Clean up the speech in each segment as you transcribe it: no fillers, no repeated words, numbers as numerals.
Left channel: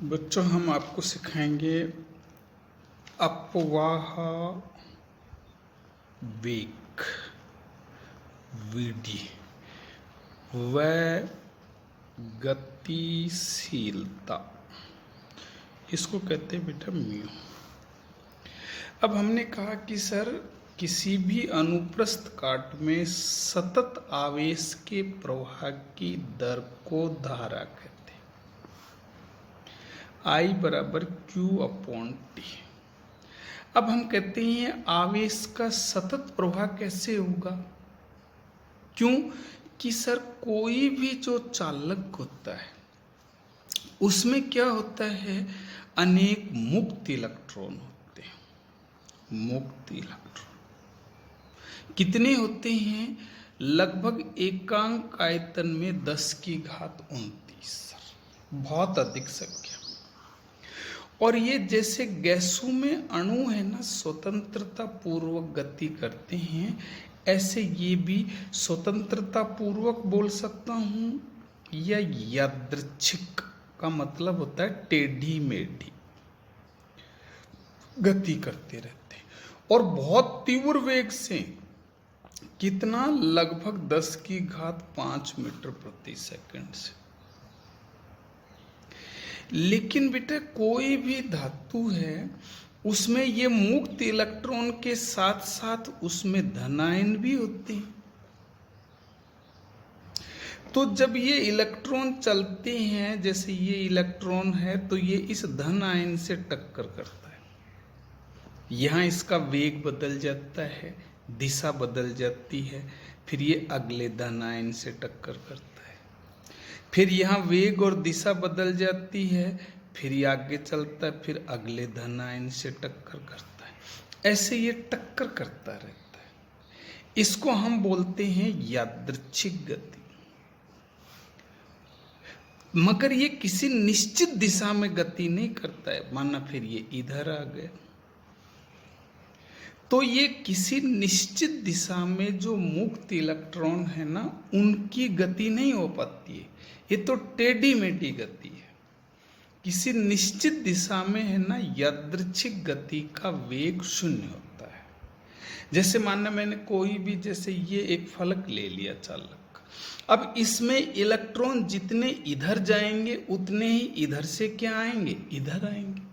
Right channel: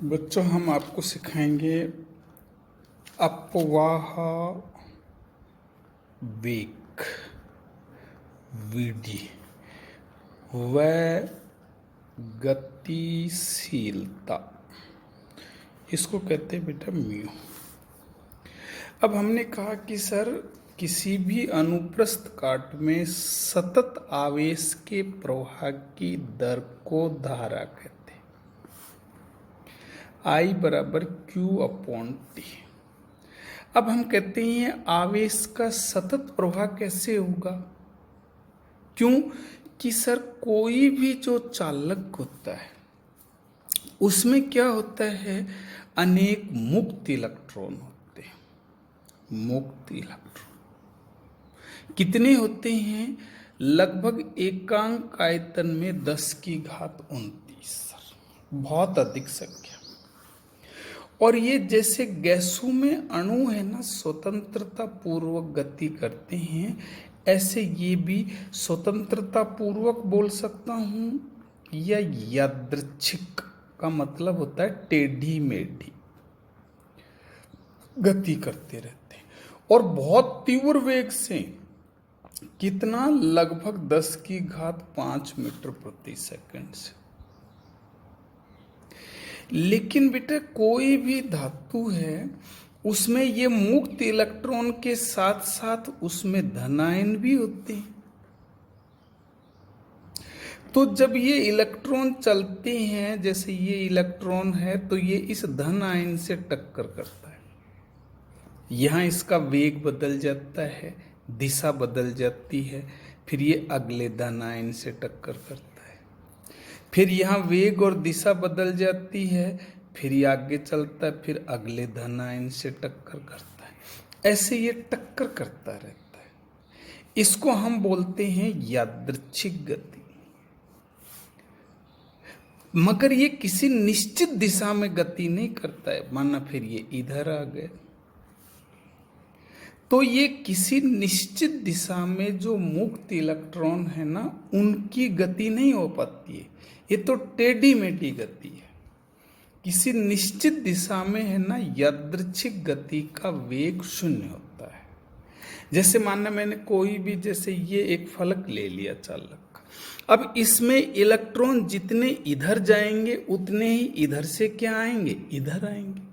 बच्चों, हम आपको सिखाएंगे अपवाह वेग विधि व गतिशीलता। इसको कहते हैं बेटा म्यू। अब हमने कहा कि सर किसी भी अनुप्रस्थ काट में सतत आवेश के प्रवाह की दर को धारा कहते हैं। I बराबर Q/T। अब हम कहते हैं आवेश का सतत प्रवाह कैसे होगा? क्यों कि सर कोई भी जो चालक होता है उसमें क्या होता है, अनेक मुक्त इलेक्ट्रॉन होते हैं। मुक्त इलेक्ट्रॉन कितने होते हैं? लगभग एकांक आयतन में 10⁻29 सर, बहुत अधिक संख्या। और ये जैसे गैसों में अणु है ना, स्वतंत्रता पूर्वक गति करते हैं, ऐसे ये भी स्वतंत्रता पूर्वक बोल सकता हूं या यादृच्छिक का मतलब होता है टेढ़ी मेढ़ी गति करते रहते हैं। और बहुत तीव्र वेग से, कितना? लगभग 10⁵ मीटर प्रति सेकंड से। लेकिन बेटा कोई भी धातु है उसमें ये मुक्त इलेक्ट्रॉन के साथ साथ उसमें धनायन भी होते हैं। तो जब ये इलेक्ट्रॉन चलते हैं, जैसे ये इलेक्ट्रॉन है तो ये इस धन आयन से टक्कर करता है। यहां इसका वेग बदल जाता है, दिशा बदल जाती है, फिर ये अगले धन आयन से टक्कर करता है, फिर यहाँ वेग और दिशा बदल जाती है, फिर ये आगे चलता है, फिर अगले धन आयन से टक्कर करता है। ऐसे ये टक्कर करता रहता है। इसको हम बोलते हैं यादृच्छिक गति। मगर ये किसी निश्चित दिशा में गति नहीं करता है। माना फिर ये इधर आ गए तो ये किसी निश्चित दिशा में जो मुक्त इलेक्ट्रॉन है ना, उनकी गति नहीं हो पाती है। ये तो टेढ़ी मेढ़ी गति है। किसी निश्चित दिशा में है ना, यादृच्छिक गति का वेग 0 होता है। जैसे मानना मैंने कोई भी, जैसे ये एक फलक ले लिया चालक, अब इसमें इलेक्ट्रॉन जितने इधर जाएंगे उतने ही इधर से क्या आएंगे? इधर आएंगे।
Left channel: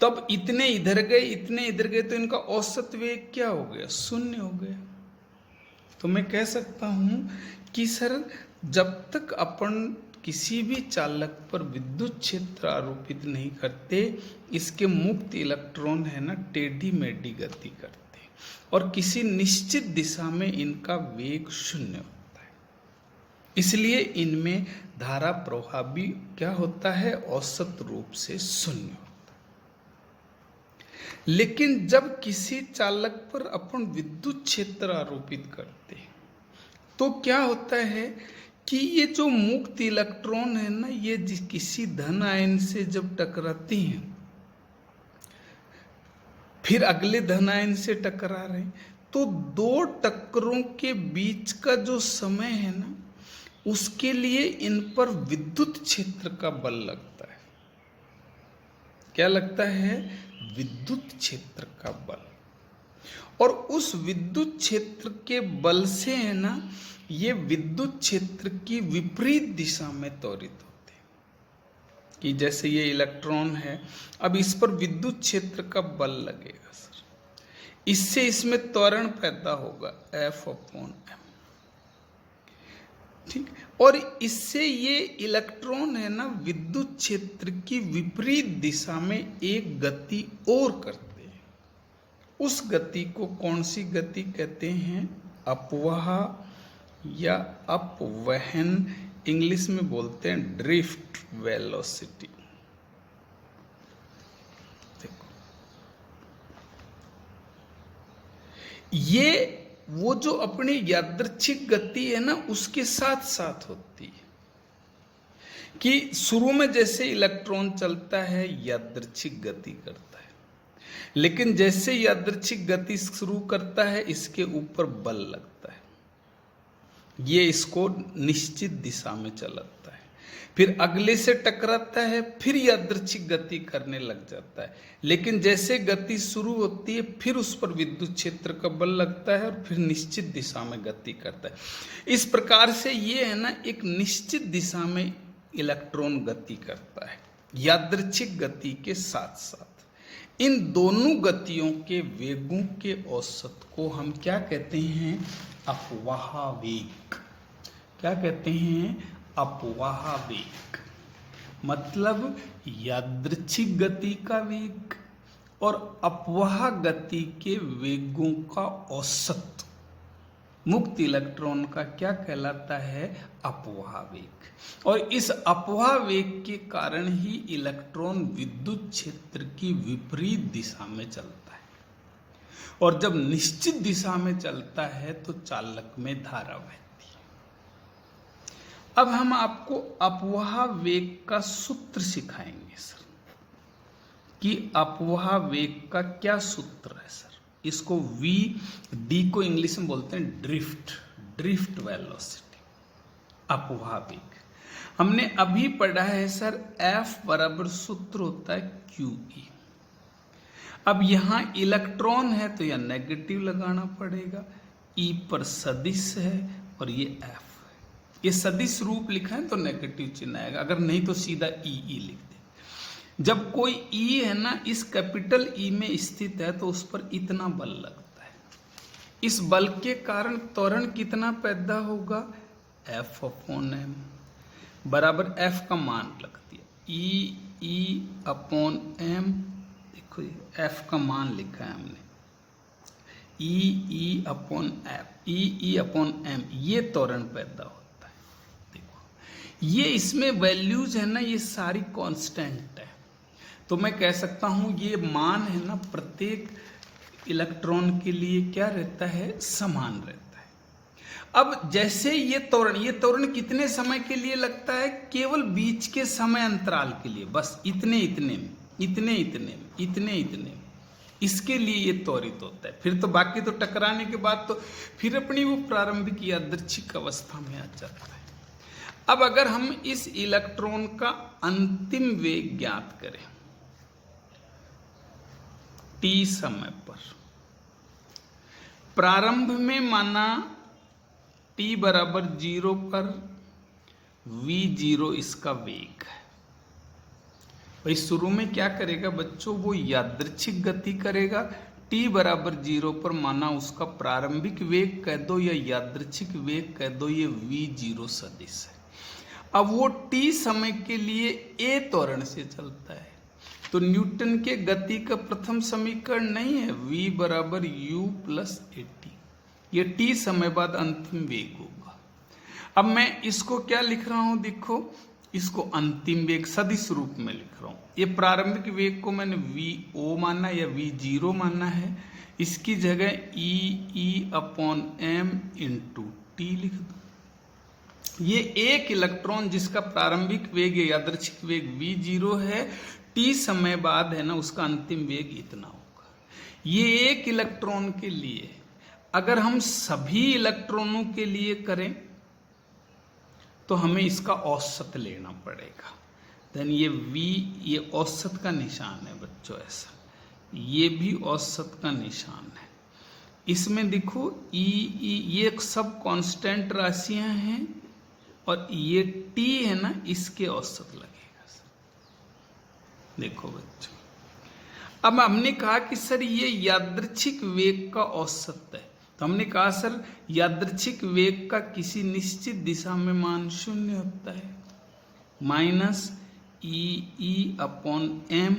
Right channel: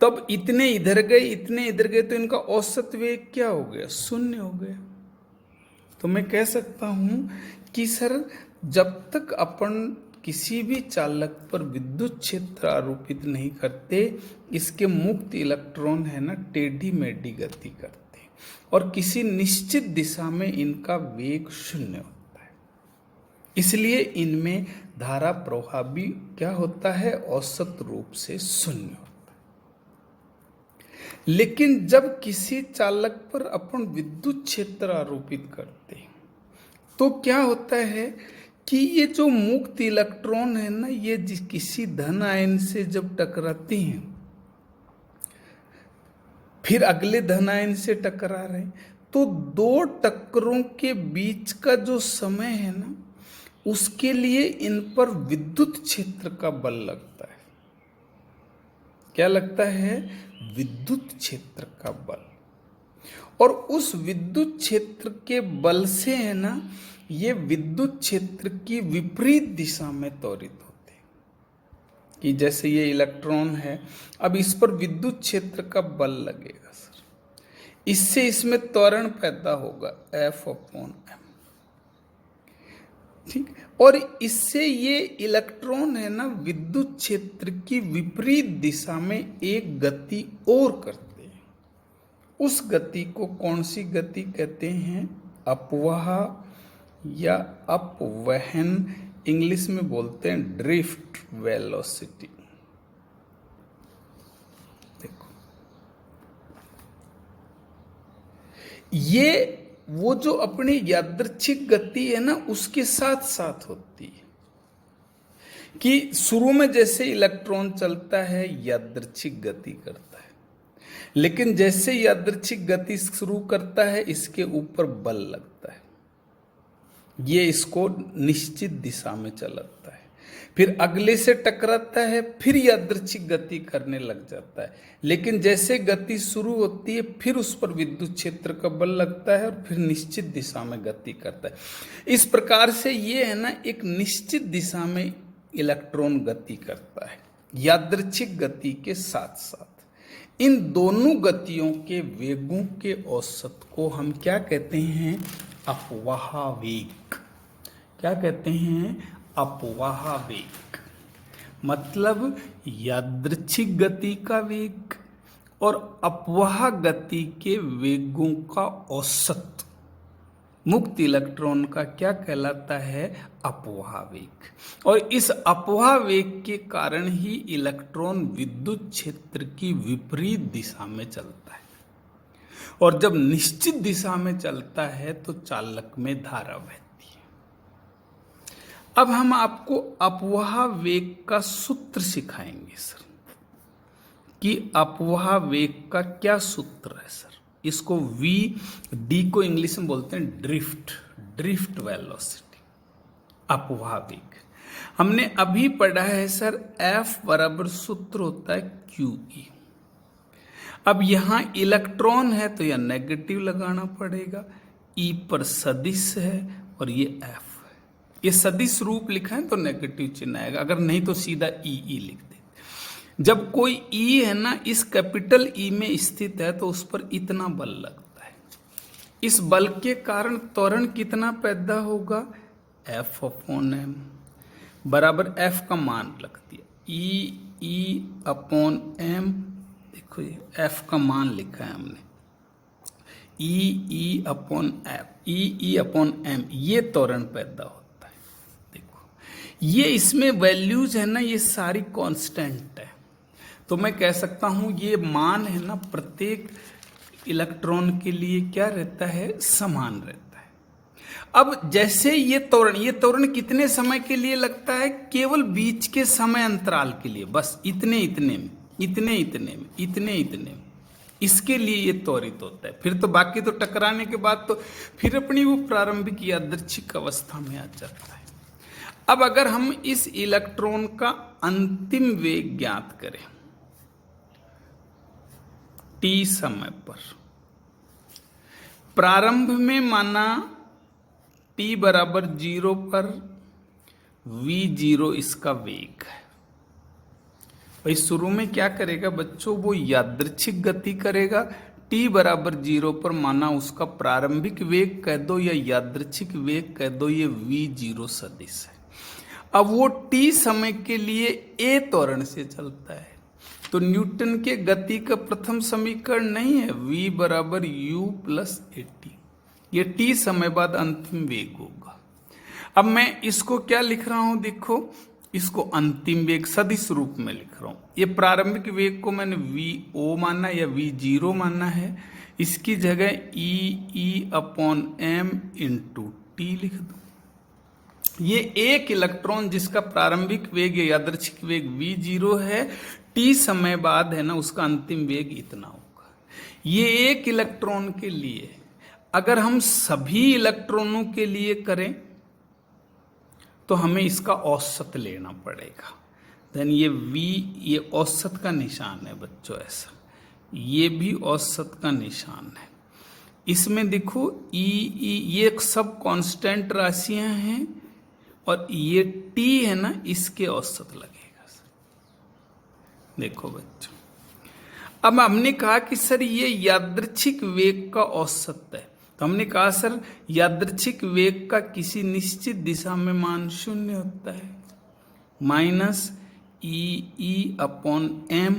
तो अब इतने इधर गए, इतने इधर गए, तो इनका औसत वेग क्या हो गया? 0 हो गया। तो मैं कह सकता हूं कि सर जब तक अपन किसी भी चालक पर विद्युत क्षेत्र आरोपित नहीं करते, इसके मुक्त इलेक्ट्रॉन है ना टेढ़ी मेढ़ी गति करते हैं और किसी निश्चित दिशा में इनका वेग 0 होता है। इसलिए इनमें धारा प्रवाह भी क्या होता है? औसत रूप से 0 होता है। लेकिन जब किसी चालक पर अपन विद्युत क्षेत्र आरोपित करते हैं तो क्या होता है कि ये जो मुक्त इलेक्ट्रॉन है ना, ये किसी धन आयन से जब टकराते हैं, फिर अगले धन आयन से टकरा रहे हैं, तो दो टक्करों के बीच का जो समय है ना, उसके लिए इन पर विद्युत क्षेत्र का बल लगता है। क्या लगता है? विद्युत क्षेत्र का बल। और उस विद्युत क्षेत्र के बल से है ना, ये विद्युत क्षेत्र की विपरीत दिशा में त्वरित होते हैं। कि जैसे ये इलेक्ट्रॉन है, अब इस पर विद्युत क्षेत्र का बल लगेगा सर, इससे इसमें त्वरण पैदा होगा F/m। ठीक। और इससे ये इलेक्ट्रॉन है ना विद्युत क्षेत्र की विपरीत दिशा में एक गति और करते हैं। उस गति को कौन सी गति कहते हैं? अपवाह या अपवहन, इंग्लिश में बोलते हैं ड्रिफ्ट वेलोसिटी। देखो, ये वो जो अपनी यादृच्छिक गति है ना, उसके साथ साथ होती है। कि शुरू में जैसे इलेक्ट्रॉन चलता है यादृच्छिक गति करता है, लेकिन जैसे यादृच्छिक गति शुरू करता है इसके ऊपर बल लगता है, ये इसको निश्चित दिशा में चलाता है। फिर अगले से टकराता है, फिर यादृच्छिक गति करने लग जाता है। लेकिन जैसे गति शुरू होती है फिर उस पर विद्युत क्षेत्र का बल लगता है और फिर निश्चित दिशा में गति करता है। इस प्रकार से ये है ना, एक निश्चित दिशा में इलेक्ट्रॉन गति करता है यादृच्छिक गति के साथ साथ। इन दोनों गतियों के वेगों के औसत को हम क्या कहते हैं? अपवाह वेग। क्या कहते हैं? अपवाह वेग। मतलब यादृच्छिक गति का वेग और अपवाह गति के वेगों का औसत मुक्त इलेक्ट्रॉन का क्या कहलाता है? अपवाह वेग। और इस अपवाह वेग के कारण ही इलेक्ट्रॉन विद्युत क्षेत्र की विपरीत दिशा में चलता है, और जब निश्चित दिशा में चलता है तो चालक में धारा बहती है। अब हम आपको अपवाह वेग का सूत्र सिखाएंगे सर, कि अपवाह वेग का क्या सूत्र है सर। इसको डी को इंग्लिश में बोलते हैं ड्रिफ्ट वेलोसिटी, अपवाह वेग। हमने अभी पढ़ा है सर, F बराबर सूत्र होता है QE। अब यहां इलेक्ट्रॉन है तो यह नेगेटिव लगाना पड़ेगा, E पर सदिश है और ये F है। ये सदिश रूप लिखा है तो नेगेटिव चिन्ह आएगा, अगर नहीं तो सीधा ई लिख दे। जब कोई E है ना, इस कैपिटल E में स्थित है तो उस पर इतना बल लगता है। इस बल के कारण त्वरण कितना पैदा होगा? F/m बराबर F का मान रख दिया, E/m। देखो ये F का मान लिखा है हमने, E/m, ये त्वरण पैदा होता है। देखो ये इसमें वैल्यूज है ना, ये सारी कांस्टेंट है, तो मैं कह सकता हूं ये मान है ना प्रत्येक इलेक्ट्रॉन के लिए क्या रहता है? समान रहता है। अब जैसे ये त्वरण कितने समय के लिए लगता है? केवल बीच के समय अंतराल के लिए, बस इतने में इसके लिए ये त्वरित होता है। फिर तो बाकी तो टकराने के बाद तो फिर अपनी वो प्रारंभिक यादृच्छिक अवस्था में आ जाता है। अब अगर हम इस इलेक्ट्रॉन का अंतिम वेग ज्ञात करें t समय पर, प्रारंभ में माना t बराबर 0 पर v0 इसका वेग है। भाई शुरू में क्या करेगा बच्चों? वो यादृच्छिक गति करेगा। t बराबर 0 पर माना उसका प्रारंभिक वेग कह दो या यादृच्छिक वेग कह दो, ये v0 सदिश है। अब वो t समय के लिए a त्वरण से चलता है, तो न्यूटन के गति का प्रथम समीकरण नहीं है v बराबर u प्लस at। ये t समय बाद अंतिम वेग होगा। अब मैं इसको क्या लिख रहा हूं? देखो, इसको अंतिम वेग सदिश रूप में लिख रहा हूं। ये प्रारंभिक वेग को मैंने v0 माना या v0 माना है, इसकी जगह E/m इंटू t लिख दो। ये एक इलेक्ट्रॉन जिसका प्रारंभिक वेग या यादृच्छिक वेग v0 है, t समय बाद है ना उसका अंतिम वेग इतना होगा। ये एक इलेक्ट्रॉन के लिए। अगर हम सभी इलेक्ट्रॉनों के लिए करें तो हमें इसका औसत लेना पड़ेगा। देन ये v, ये औसत का निशान है बच्चों, ऐसा ये भी औसत का निशान है। इसमें देखो ये सब कांस्टेंट राशियां हैं और ये t है ना, इसके औसत लगेगा। देखो बच्चों, अब हमने कहा कि सर ये यादृच्छिक वेग का औसत है, तो हमने कहा सर यादृच्छिक वेग का किसी निश्चित दिशा में मान 0 होता है, माइनस E/m।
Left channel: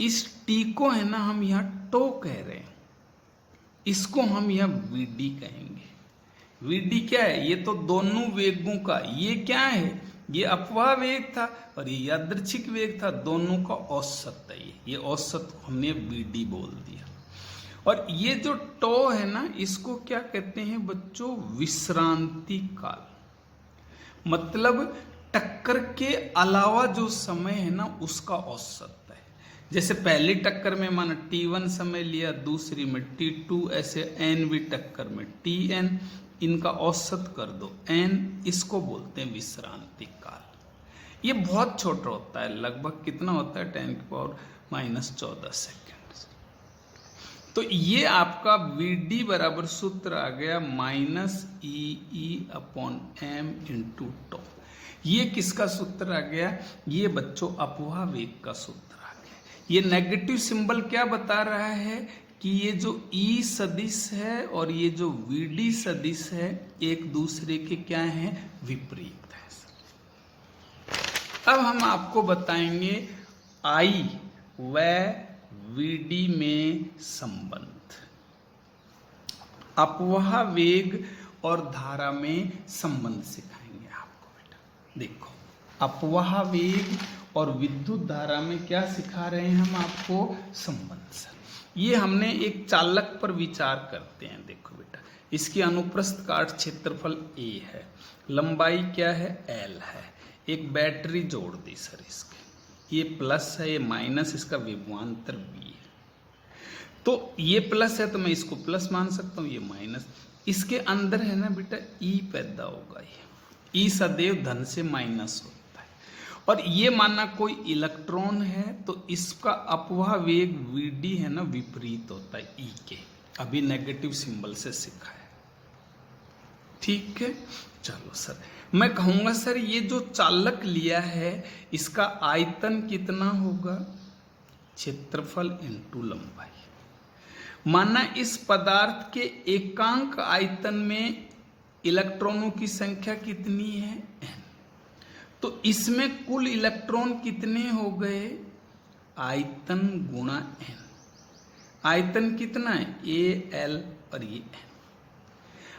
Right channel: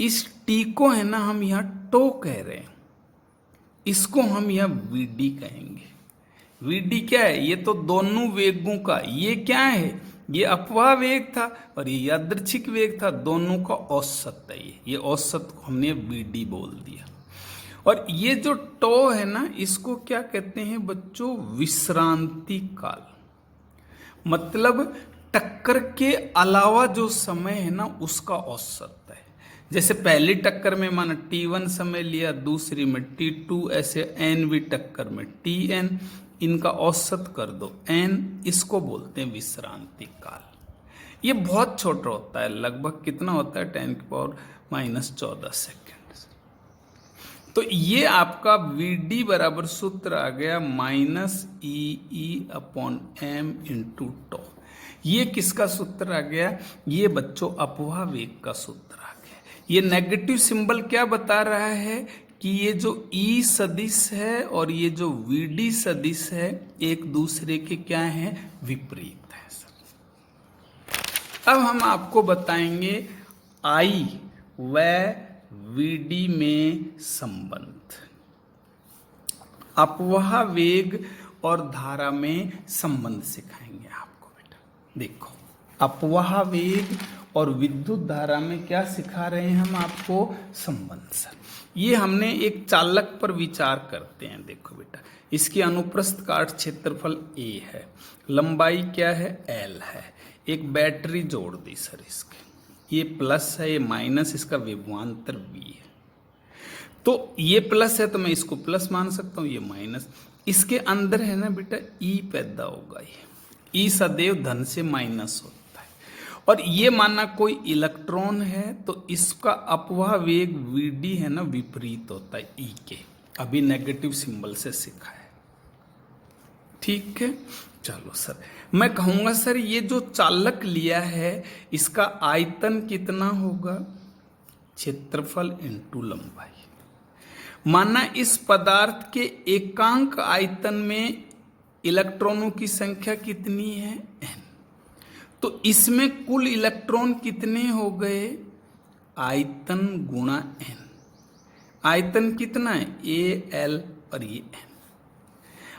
इस t को है ना हम यहाँ टो कह रहे हैं, इसको हम यहाँ vd कहेंगे। vd क्या है? ये तो दोनों वेगों का, ये क्या है? ये अपवाह वेग था और ये यादृच्छिक वेग था, दोनों का औसत है। ये औसत को हमने vd बोल दिया। और ये जो टो है ना, इसको क्या कहते हैं बच्चों? विश्रांति काल। मतलब टक्कर के अलावा जो समय है ना उसका औसत है। जैसे पहली टक्कर में माना t1 समय लिया, दूसरी में t2, ऐसे nवीं टक्कर में tn, इनका औसत कर दो n, इसको बोलते हैं विश्रांति काल। ये बहुत छोटा होता है, लगभग कितना होता है 10⁻⁻14 सेकेंड। तो ये आपका Vd बराबर सूत्र आ गया -EE/m/τ। ये किसका सूत्र आ गया? ये बच्चों अपवाह वेग का सूत्र आ गया। ये नेगेटिव सिंबल क्या बता रहा है कि ये जो E सदिश है और ये जो Vd सदिश है एक दूसरे के क्या है? विपरीत है। अब हम आपको बताएंगे I व Vd में संबंध, अपवाह वेग और धारा में संबंध सिखाएंगे आपको बेटा। देखो, अपवाह वेग और विद्युत धारा में क्या सिखा रहे हैं हम आपको? संबंध। सर ये हमने एक चालक पर विचार करते हैं। देखो बेटा, इसकी अनुप्रस्थ काट क्षेत्रफल A है, लंबाई क्या है? L है। एक बैटरी जोड़ दी सर इसके, ये प्लस है, ये माइनस, इसका विभवांतर V है। तो ये प्लस है तो मैं इसको प्लस मान सकता हूँ, ये माइनस। इसके अंदर है ना बेटा E पैदा होगा, ये E सदैव धन से माइनस होता है। और ये माना कोई इलेक्ट्रॉन है तो इसका अपवाह वेग Vd है ना विपरीत होता है E के। अभी नेगेटिव सिंबल से सीखा है, ठीक है। चलो सर, मैं कहूंगा सर ये जो चालक लिया है इसका आयतन कितना होगा? क्षेत्रफल इंटू लंबाई। माना इस पदार्थ के एकांक आयतन में इलेक्ट्रॉनों की संख्या कितनी है? n। तो इसमें कुल इलेक्ट्रॉन कितने हो गए? आयतन गुणा n। आयतन कितना है? A, L और ये n।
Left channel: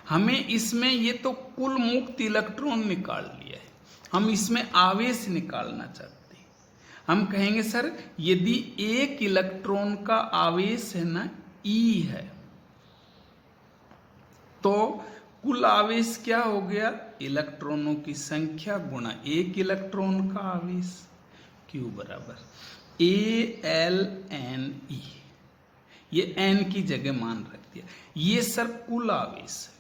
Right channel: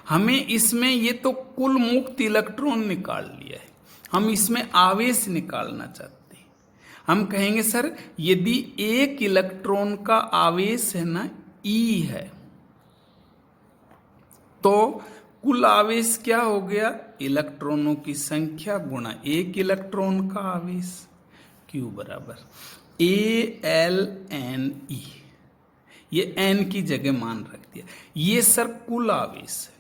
हमें इसमें ये तो कुल मुक्त इलेक्ट्रॉन निकाल लिया है, हम इसमें आवेश निकालना चाहते हैं। हम कहेंगे सर यदि एक इलेक्ट्रॉन का आवेश है ना E है तो कुल आवेश क्या हो गया? इलेक्ट्रॉनों की संख्या गुणा एक इलेक्ट्रॉन का आवेश, Q बराबर ALNE। ये n की जगह मान रख दिया। ये सर कुल आवेश है।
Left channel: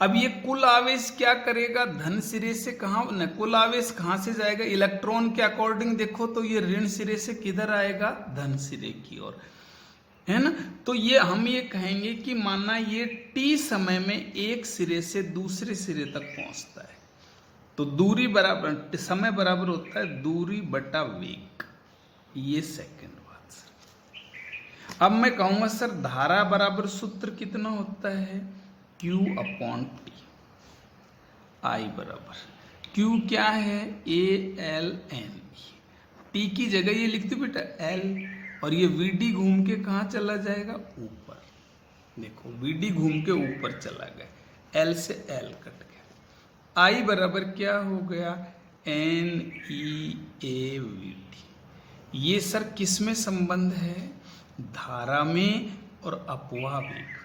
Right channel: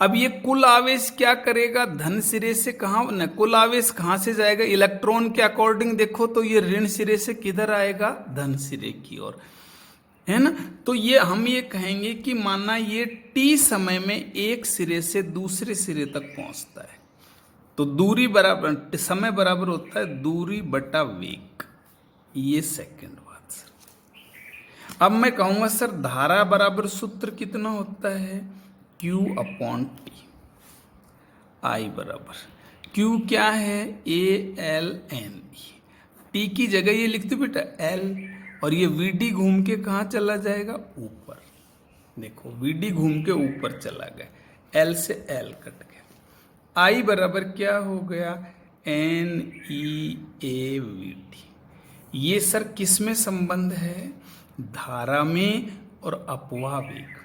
अब ये कुल आवेश क्या करेगा? धन सिरे से कहाँ न, कुल आवेश कहाँ से जाएगा? इलेक्ट्रॉन के अकॉर्डिंग देखो तो ये ऋण सिरे से किधर आएगा? धन सिरे की ओर, है ना। तो ये हम ये कहेंगे कि माना ये t समय में एक सिरे से दूसरे सिरे तक पहुंचता है तो दूरी बराबर, समय बराबर होता है दूरी बटा वेग, ये सेकंड बात। अब मैं कहूंगा सर धारा बराबर सूत्र कितना होता है? Q/T। I बराबर Q क्या है? ALNE। T की जगह ये लिखते बेटा L, और ये Vd घूम के कहाँ चला जाएगा? ऊपर। देखो Vd घूम के ऊपर चला गया, L से L कट गया। I बराबर क्या हो गया? NeAVd। ये सर किस में संबंध है? धारा में और अपवाह वेग में।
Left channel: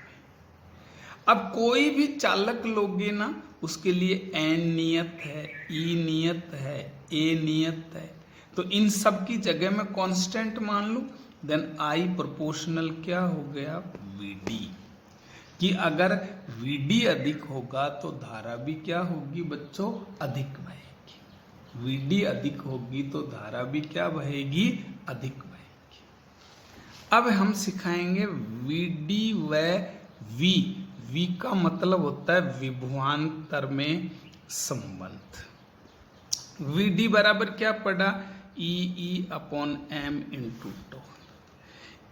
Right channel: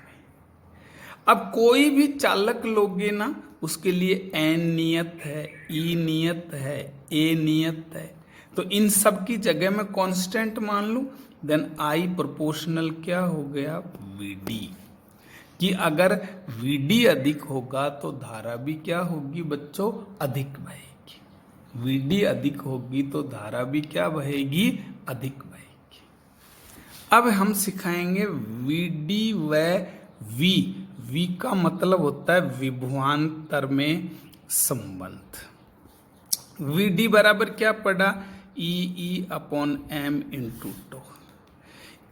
अब कोई भी चालक लोगे ना उसके लिए N नियत है, E नियत है, A नियत है, तो इन सब की जगह मैं कांस्टेंट मान लूं, देन I प्रोपोर्शनल क्या हो गया? Vd। कि अगर Vd अधिक होगा तो धारा भी क्या होगी बच्चों? अधिक बहेगी। Vd अधिक होगी तो धारा भी क्या बहेगी? अधिक बहेगी। अब हम सिखाएंगे Vd व V। V का मतलब होता है विभवांतर में संबंध। Vd बराबर क्या पड़ा? EE/m/τ।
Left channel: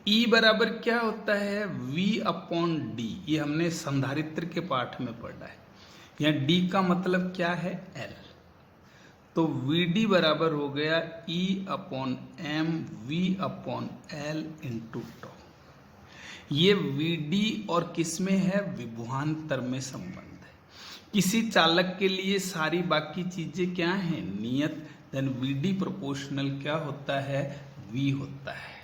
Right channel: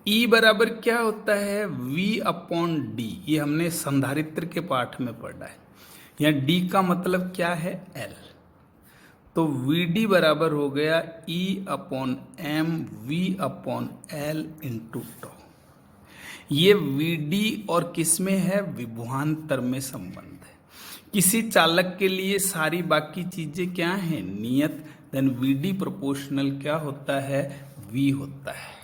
E बराबर क्या होता है? V/d। ये हमने संधारित्र के पाठ में पढ़ा है। यहाँ D का मतलब क्या है? L। तो Vd बराबर हो गया E/mV/L/τ। ये Vd और किस में है? विभवांतर में संबंध है। किसी चालक के लिए सारी बाकी चीजें क्या हैं? नियत। देन Vd प्रोपोर्शनल क्या होता है? V होता है।